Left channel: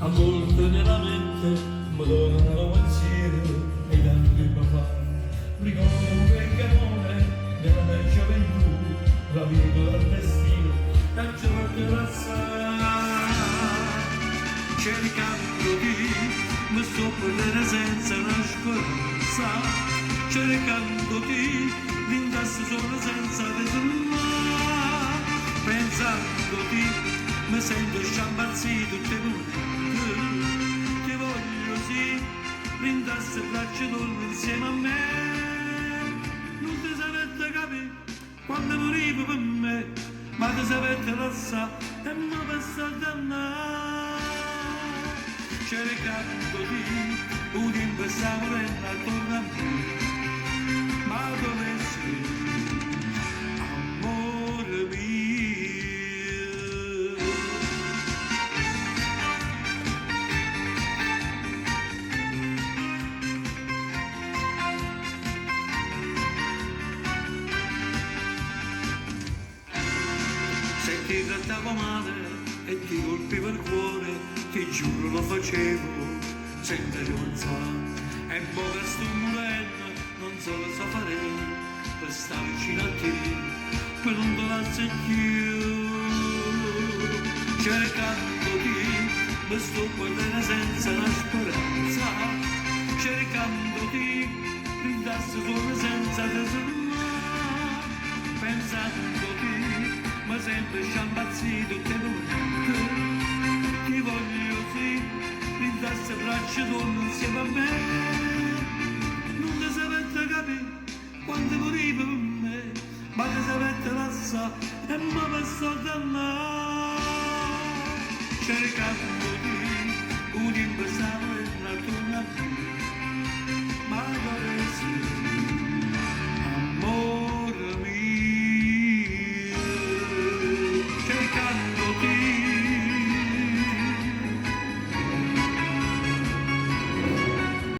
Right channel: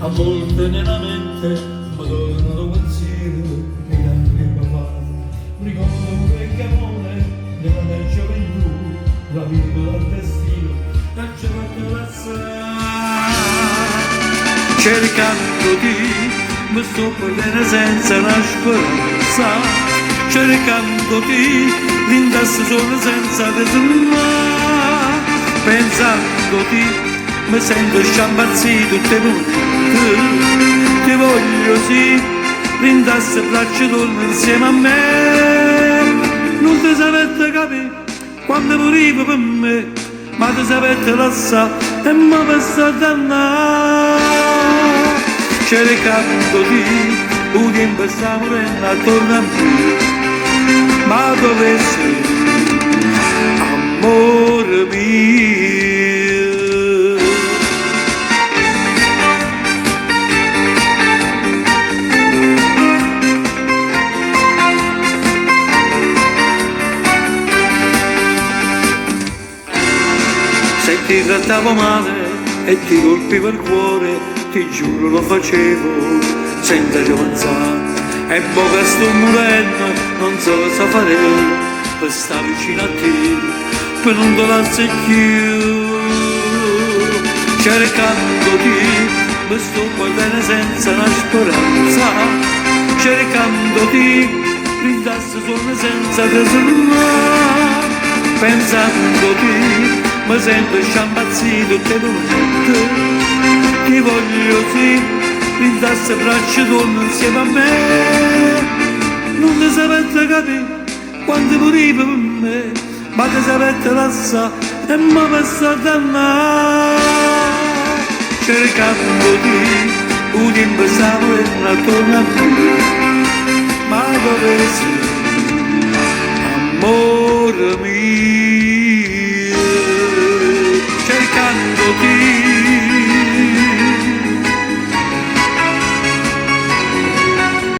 a volte nella mente mi tornano pensieri negli anni che fa. Ricordo un vecchio amore della mia gioventù, la vita al destino, la gioventù cercandoti, mi sto perdendo senza una speranza, cercandoti, l'indasso solo senza tesoro, pensandoti, mi sento sciampazzito tutte notte, ti voglio sì, l'indasso e braccia torno insieme a me, non ti sapete capire quando morivo per me, ma ti sapete lasciare e mi passa dannare. Cercandoti, un tempo sta morendo attorno a me, ma dove sei, amore mio? Se ti trattavo male e ti colpivo il cuore, ti giuro lo facevo senza ci pensare, e poi che sto morendo non so cosa fare per stare vicino a te, per non te lasciare più. Cercandoti mi sto guardando senza una speranza, cercandoti rindasso solo senza tesoro, pensandoti mi sento sciampazzito tutte le notte, ti voglio sì, rindasso e braccia torno insieme a me, non ti sapete capire quando morivo per me, ma ti sapete lasciare e mi passa dannare. Cercandoti, un tempo stavo attorno a me, ma dove sei, amore mio?